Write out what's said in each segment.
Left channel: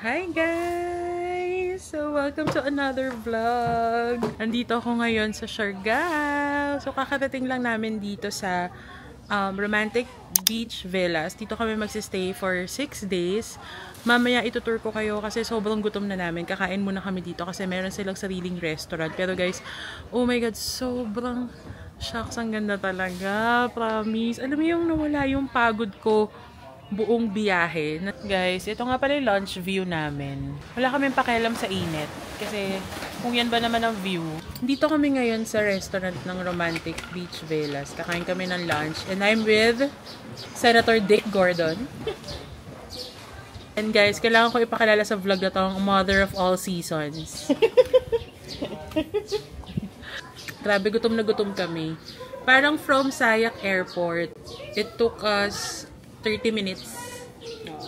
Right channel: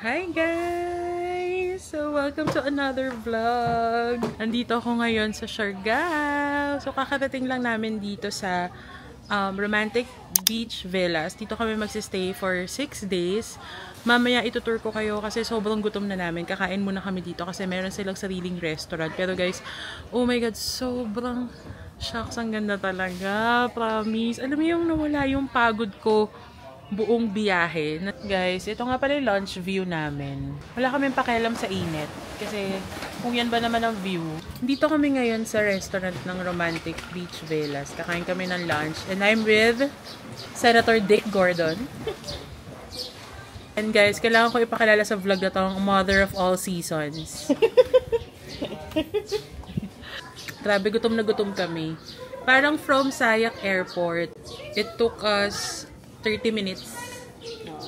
Hi guys! So welcome to another vlog. Nandito ako ngayon sa Siargao. So kakarating lang namin dito sa Romantic Beach Villas. Dito kami magsistay for 6 days. Mamaya itutour ko kayo kasi sobrang gutom na namin. Kakain muna kami dito kasi meron silang sariling restaurant. Pero guys, oh my god, sobrang shucks, ang ganda talaga. Promise. Alam mo yung nawala yung pagod ko buong biyahe. Guys, ito nga pala yung lunch view namin. Wala kaming pakialam sa init. Kasi kung yan ba naman ang view. Dito kami ngayon sa restaurant ng Romantic Beach Villas. Kakain kami ng lunch. And I'm with Senator Dick Gordon. And guys, kailangan ko ipakilala sa vlog na tong mother of all seasons. Grabe, gutom na gutom kami. Parang from Sayak Airport, it took us 30 minutes.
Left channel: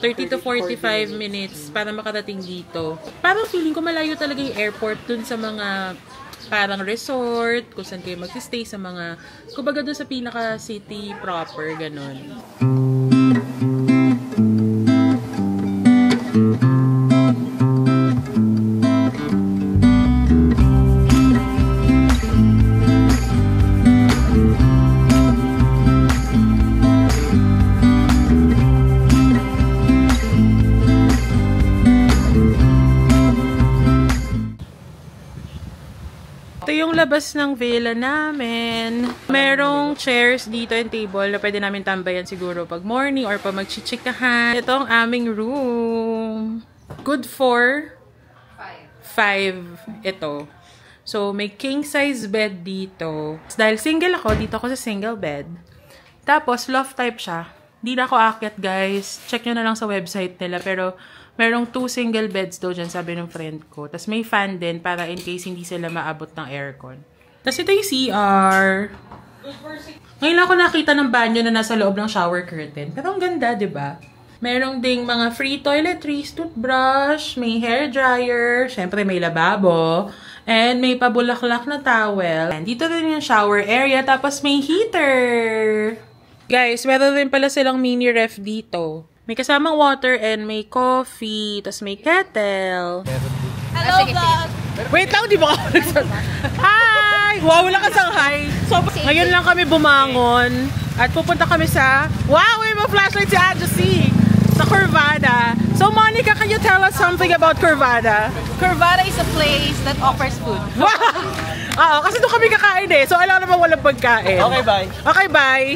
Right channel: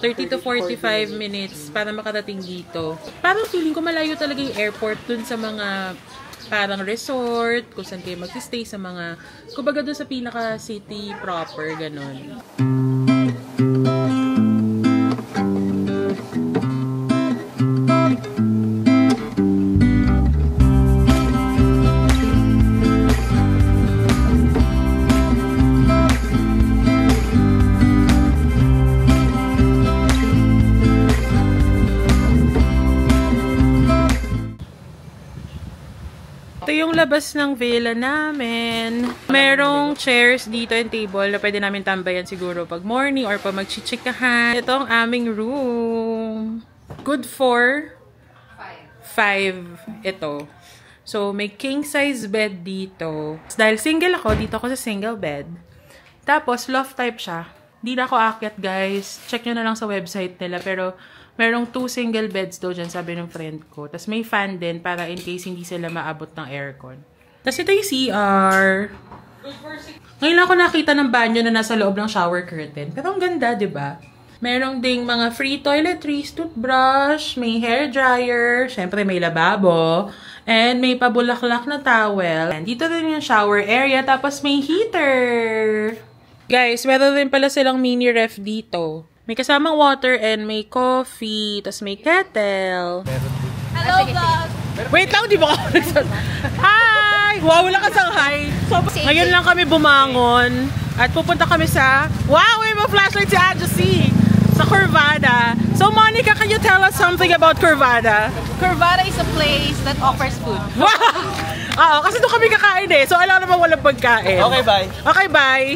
30 to 45 minutes para makarating dito. Parang feeling ko malayo talaga yung airport dun sa mga parang resort, kung saan kayo magsistay sa mga, kumbaga dun sa pinaka-city proper, ganon. Ito yung labas ng villa namin. Merong chairs dito and table na pwede namin tambayan siguro pag morning or pag magchichikahan. Ito ang aming room. Good for 5 ito. So, may king size bed dito. Dahil single ako, dito ako sa single bed. Tapos, loft type siya. Hindi na ako aakyat, guys. Check nyo na lang sa website nila. Pero, merong 2 single beds daw dyan, sabi ng friend ko. Tapos may fan din para in case hindi sila maabot ng aircon. Tapos ito yung CR. Ngayon lang ako nakita ng banyo na nasa loob ng shower curtain. Pero ang ganda, diba? Merong ding mga free toiletries, toothbrush, may hair dryer, syempre may lababo, and may pabulaklak na towel. And dito din yung shower area, tapos may heater. Guys, meron din pala silang mini ref dito. May kasamang water and may coffee. Tapos may kettle. Hello, vlog! Wait lang, di ba ako nagsasabi? Hi! Wow, wala kasang hi. So, ngayon lang kami bumangon. At pupunta kami sa... Wow, may mga flashlight si Adjusy! Sa Curvada. So, Monica, can you tell us something about Curvada? Curvada is a place that offers food. Wow! Oo, kasi doon kami kakain eh. So, alam naman walang pagkain. Okay, bye. Okay, bye.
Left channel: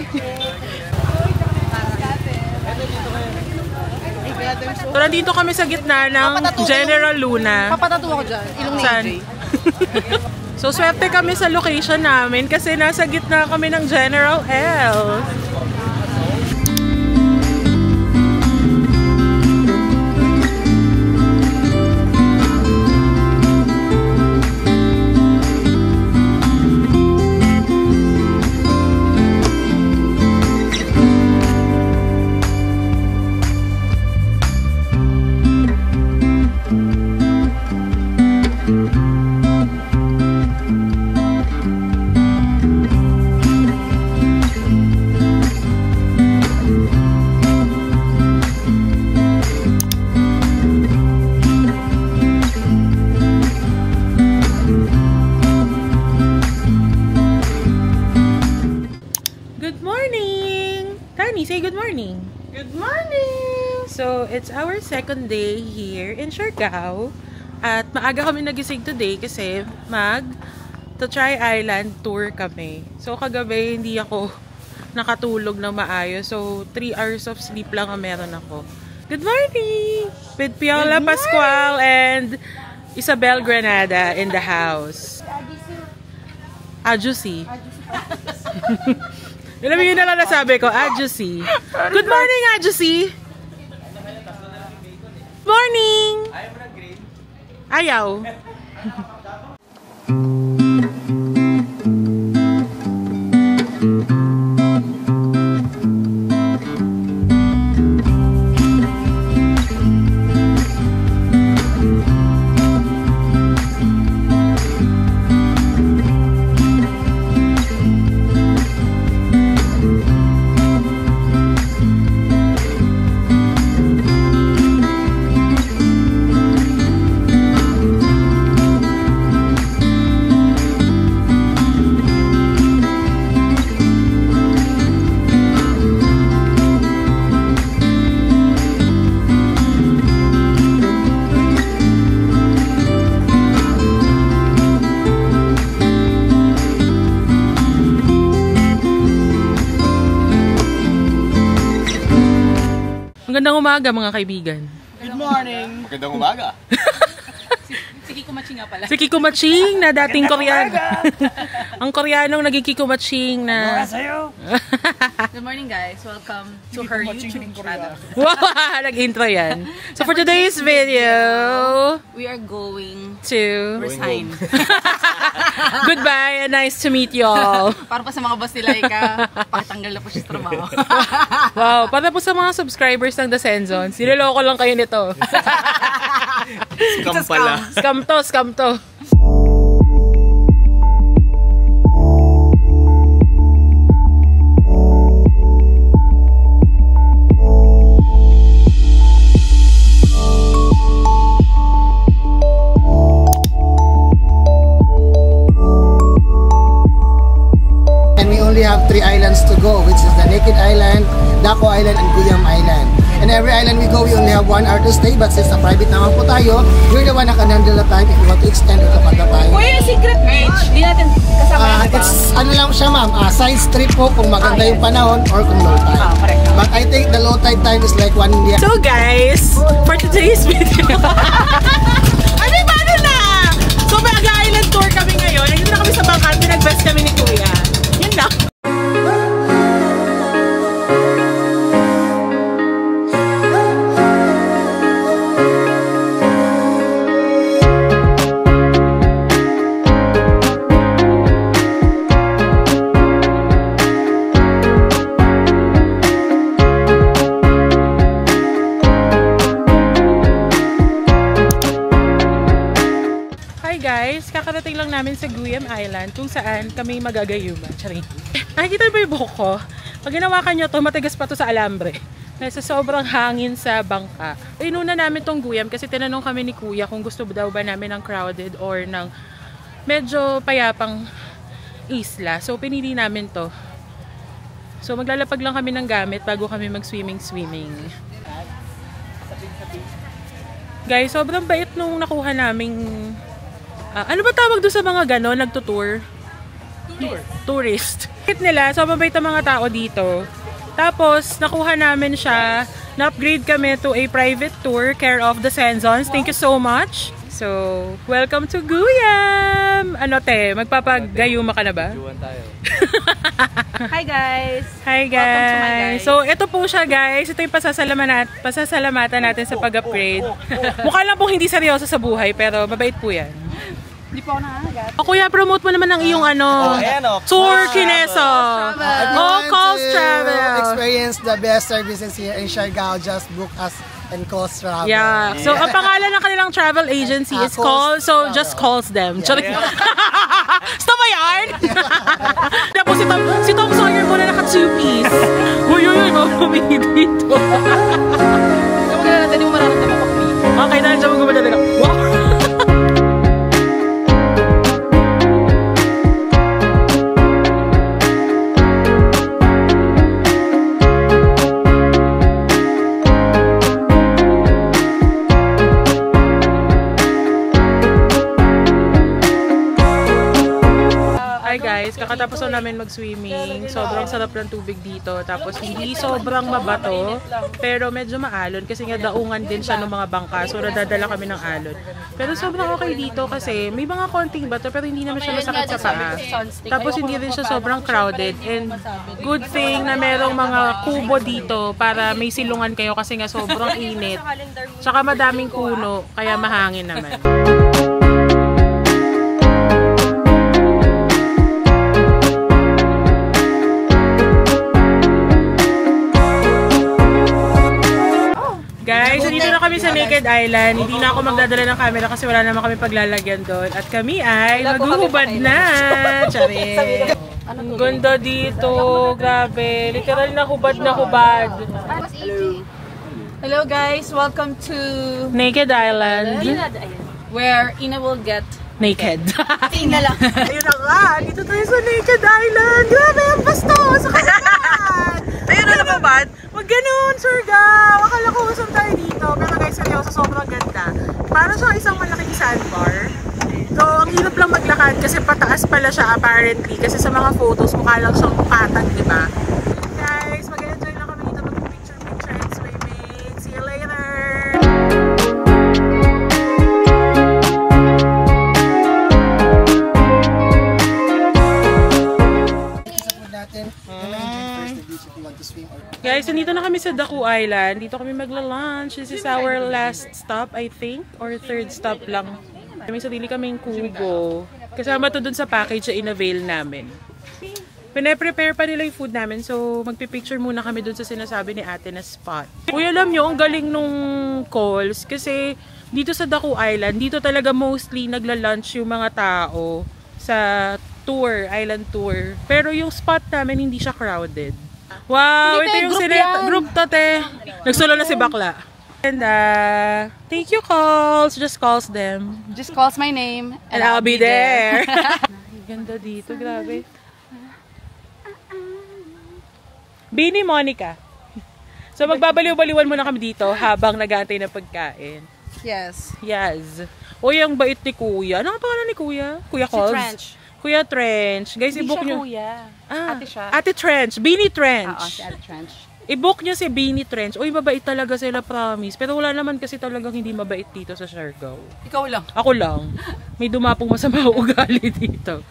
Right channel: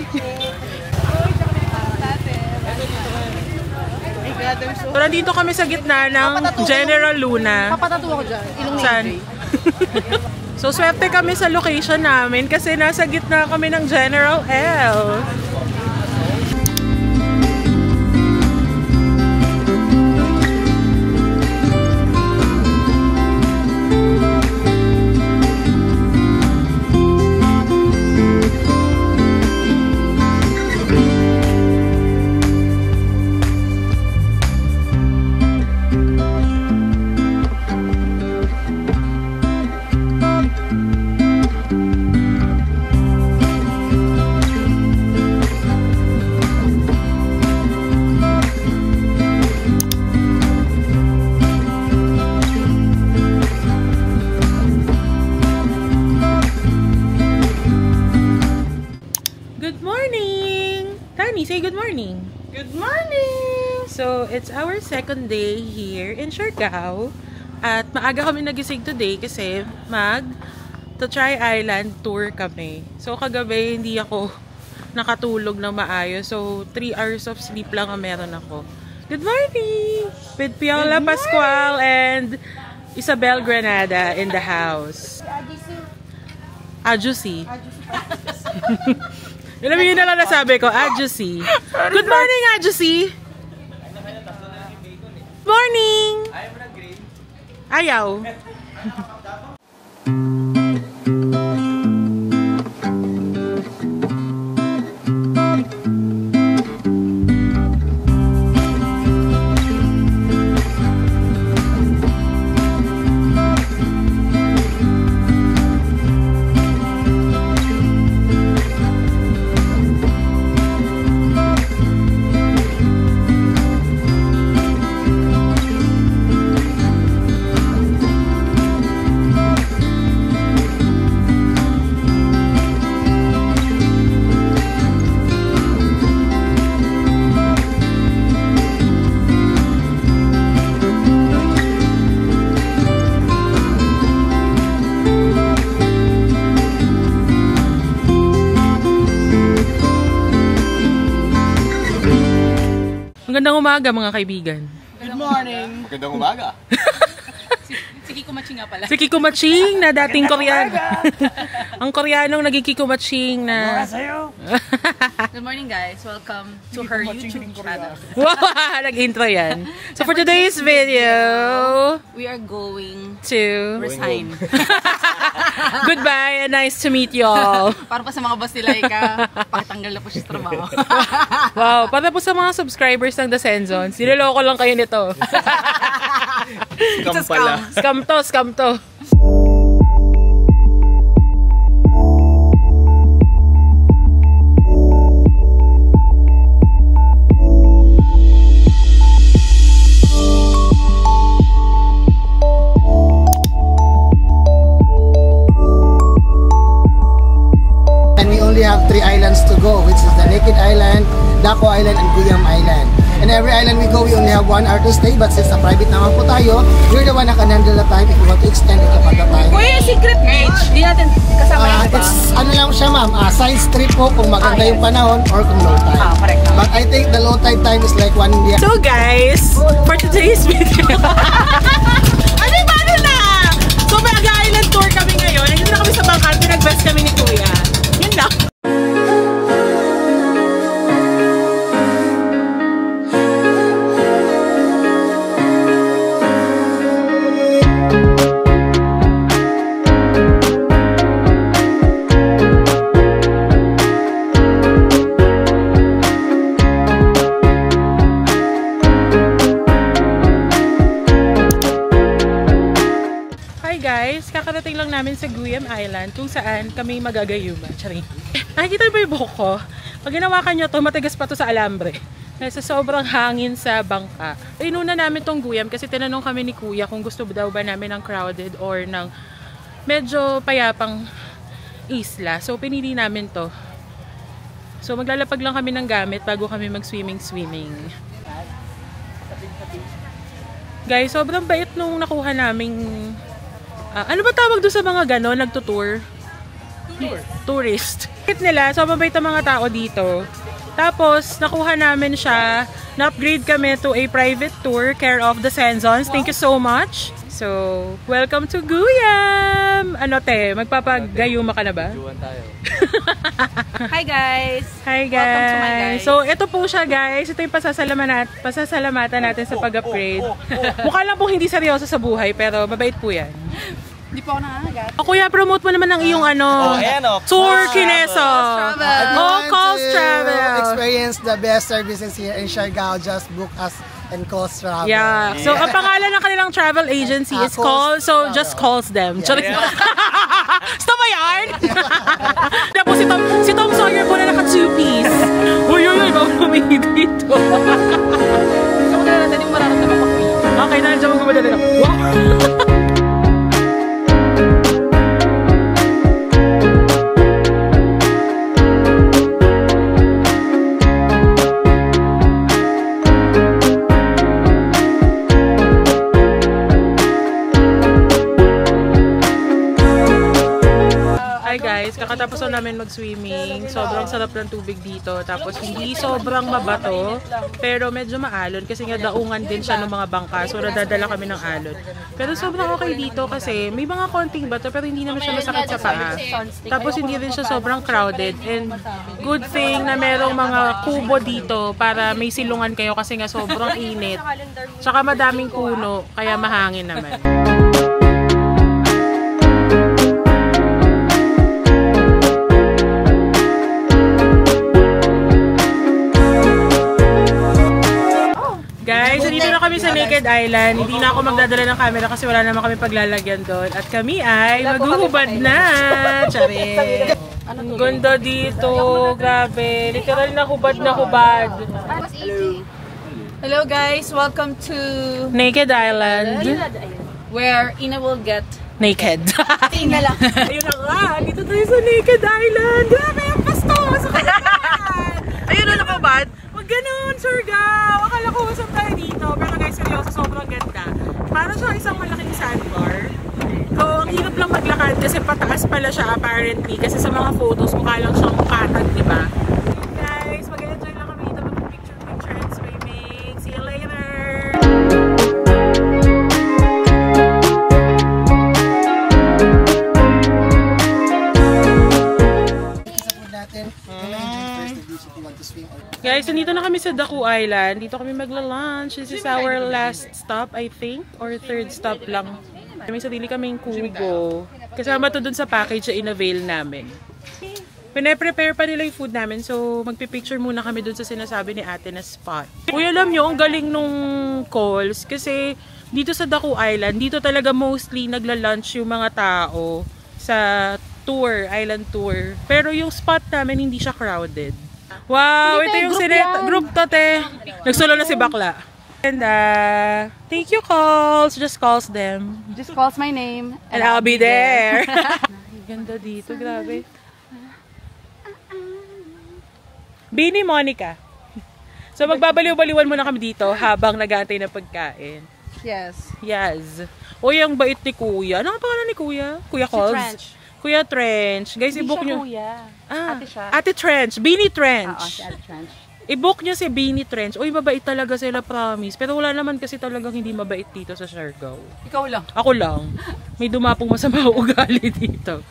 So, nandito kami sa gitna ng General Luna. Papatato ako dyan. Saan? So, swerte kami sa location namin kasi nasa gitna kami ng General L. Say good morning. Good morning! So, it's our second day here in Siargao. At maaga kami nagising today kasi mag-Try Island tour kami. So, kagabi hindi ako nakatulog ng maayos. So, 3 hours of sleep lang ang meron ako. Good morning! With Piola Pascual and Isabel Granada in the house. Adjusy. Alam mo yun na lang nasabi ko, Adjusy. Good morning, Adjusy! Morning! Ayaw mo ng green? Ayaw. Magandang umaga mga kaibigan. Good morning. Magandang umaga. Si Kiko Maching nga pala. Si Kiko Maching na dating Koreano. Ang Koreanong naging Kiko Maching na... Good morning guys. Welcome to her YouTube channel. Wow! Nag-intro yan. So for today's video... We are going to... resign. Goodbye and nice to meet you all. Para pa sa mga boss ni Laika, pakitanggal na po siya sa trabaho. Wow, para po sa mga subscribers ng The Senzons, niloloko lang kayo nito. Scam pala. Scam to, scam to. We have 3 islands to go, which is the Naked Island, Daco Island, and Guyam Island. And every island we go, we only have 1 hour to stay, but since private naman po tayo, we're the one na can handle the time if you want to extend or kapag the time. Kuya, yung secret beach, di natin kasama yung It's ano lang siya ma'am, science trip po kung maganda yung panahon or kung low tide. correct. But I think the low tide time is like 1 year. So guys, for today's video, paano na? So mag-island tour kami ngayon. Nandito na kami sa bangka, pinag-best kami ni Kuya. Yun lang. Guys, kakarating lang namin sa Guyam Island kung saan kami magagayuma. Charing. Nakikita ba yung buhok ko? Pag ginawakan nyo to, matigas pa to sa alambre. Dahil sa sobrang hangin sa bangka. Inuna namin tong Guyam kasi tinanong kami ni Kuya kung gusto daw ba namin ng crowded or ng medyo payapang isla. So pinili namin to. So maglalapag lang kami ng gamit bago kami mag-swimming. Guys, sobrang bait nung nakuha naming... ano ba tawag doon sa mga gano'n? Nagtutour? Tourist. Bakit nila? So, mabait ang mga tao dito. Tapos, nakuha namin siya. Na-upgrade kami to a private tour care of The Senzons. Thank you so much. So, welcome to Guyam! Ano te? Magpapagayuma ka na ba? Hi guys! Hi guys! Welcome to my guys. So, ito po siya guys. Ito yung pasasalamatan natin sa pag-upgrade. Mukha lang po hindi seryoso sa buhay, pero mabait po yan. Hindi po ako nakakagat. Kuya, promote mo naman ang iyong Tour Kineso. Calls Travel. Experience the best services here in Siargao. Just book us and Calls Travel. Yeah. So, ang pangalan ng kanilang travel agency is Calls. So, just calls them. Stop ba yan? Tapos si Tom Sawyer po na naka 2-piece. Uy, bawal humingi dito. So, kaya natin yung mararamdaman ko kumigil. Okay, dahil dyan magumanda na. Wow! Guys, kakatapos na namin mag-swimming. Sobrang sarap ng tubig dito. Tapos hindi sobrang mabato, pero medyo maalon kasi nga daungan din siya ng mga bangka. So nadadala kami ng alon. Pero sobrang okay dito kasi may mga konting bato pero hindi naman siya masakit sa paa. Tapos hindi rin siya sobrang crowded. And good thing na merong mga kubo dito para may silungan kayo kasi nga sobrang init. Tsaka madaming puno kaya mahangin naman. Guys, nandito na kami sa Naked Island. Hindi na ako magdadala ng camera kasi wala naman kami paglalagyan doon. At kami ay maghuhubad na. Tsari. Ang ganda dito. Grabe. Literal na hubad na hubad. Hello guys, welcome to Naked Island. where Ina will get naked. Ina lang. Ayun na nga. Dito tayo sa Naked Island. Grabe ang bastos. Sa kasalan. Ayun na nakabad. Magganon, Surigao! Akala ko usap tayo dito. Pero guys, seryoso, sobrang ganda. Parang siya isang malaking sandbar. So, ang hirap lang maglakad kasi pataas pala siya apparently. Kasi sa mga photos, mukha lang siyang katag, diba? Guys, mag-enjoy lang kami dito. Mag-picture and swimming. Guys, nandito na kami sa Daku Island. Dito kami magla-lunch. This is our last stop, I think. Or third stop lang. May sarili kaming kubo. Kasama to dun sa package na in-avail namin. Pine-prepare pa nila yung food namin. So, magpipicture muna kami dun sa sinasabi ni ate na spot. Uy, alam nyo, ang galing nung calls. Kasi dito sa Daku Island, dito talaga mostly nagla-lunch yung mga tao sa tour, island tour. Pero yung spot namin, hindi siya crowded. Wow, ito yung group to, te. Nagsolo na si Bakla. And thank you, calls. Just calls them. Just calls my name. And I'll be there. Ganda dito, grabe. Bini Monica. So magbabaliw-baliwan muna kami dito habang nag-aantay ng pagkain. Yes. Yes. Uy, ang bait ni Kuya. Ano ang pangalan ni Kuya? Kuya Calls? Kuya Trench. Guys, i-book nyo. Ate siya. Ate Trench. Beanie Trench. Si Ate Trench. I-book nyo si Beanie Trench. Uy, mabait talaga sila, promise. Pero wala naman kasi talagang hindi mabait dito sa Siargao. Ikaw lang. Ako lang. May dumapong masama ugali dito.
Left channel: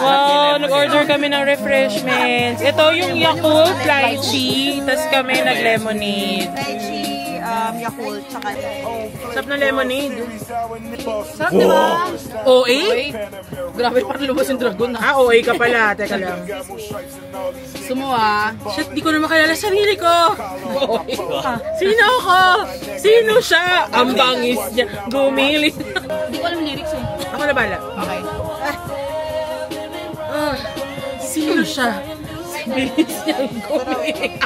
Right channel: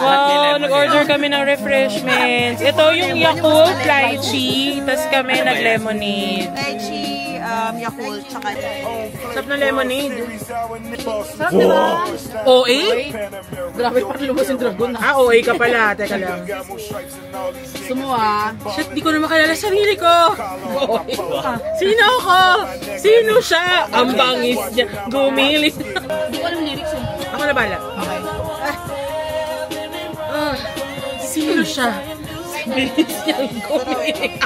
Wow, nag-order kami ng refreshments. Ito yung Yakult lychee. Tapos kami nag-lemonade. Lychee, Yakult, saka... Sarap na lemonade. Sarap diba? OA? Grabe, parang lumos yung dragon. Ah, OA ka pala. Teka lang. Sumuha. Shit, di ko na makalala sarili ko. Sino ako? Sino siya? Ang bangis niya. Gumilit. Hindi ko alam yung lyrics eh. Ako na bala. Okay. Sino siya? Bilis niyang gumilit.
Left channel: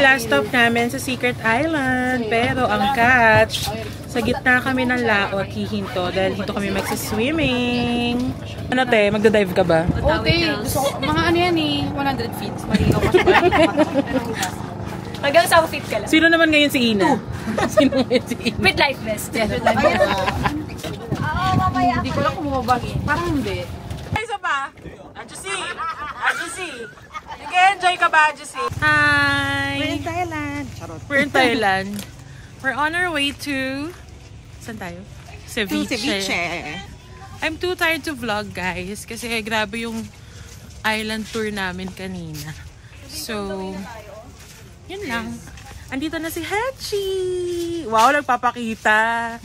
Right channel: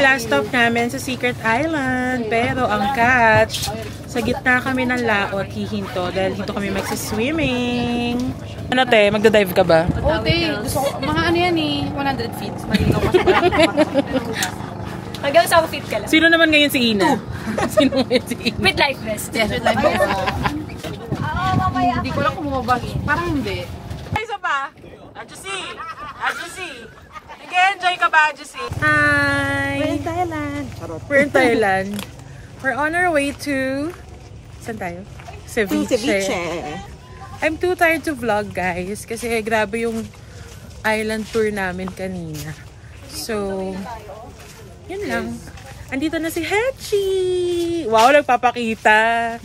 Last stop namin sa Secret Island, pero ang catch, sa gitna kami ng laot, hihinto dahil dito kami magsiswimming. Ano te, magdadive ka ba? Oo, te. Gusto ko, mga ano yan eh, 100 feet. Marino kasi hanggang 10 feet ka lang. Sino naman ngayon si Ina? Sino ngayon si Ina? With life vest. Hindi ko lang kumabag. Parang hindi. Ay, isa pa? Adjusi! Adjusi! Nag-enjoy ka ba, Adjusi? Hi! We're in Thailand. Charot. We're in Thailand. We're on our way to... Saan tayo? Ceviche. I'm too tired to vlog, guys. Kasi grabe yung island tour namin kanina. So, yun lang. Andito na si Hechi! Wow, nagpapakita!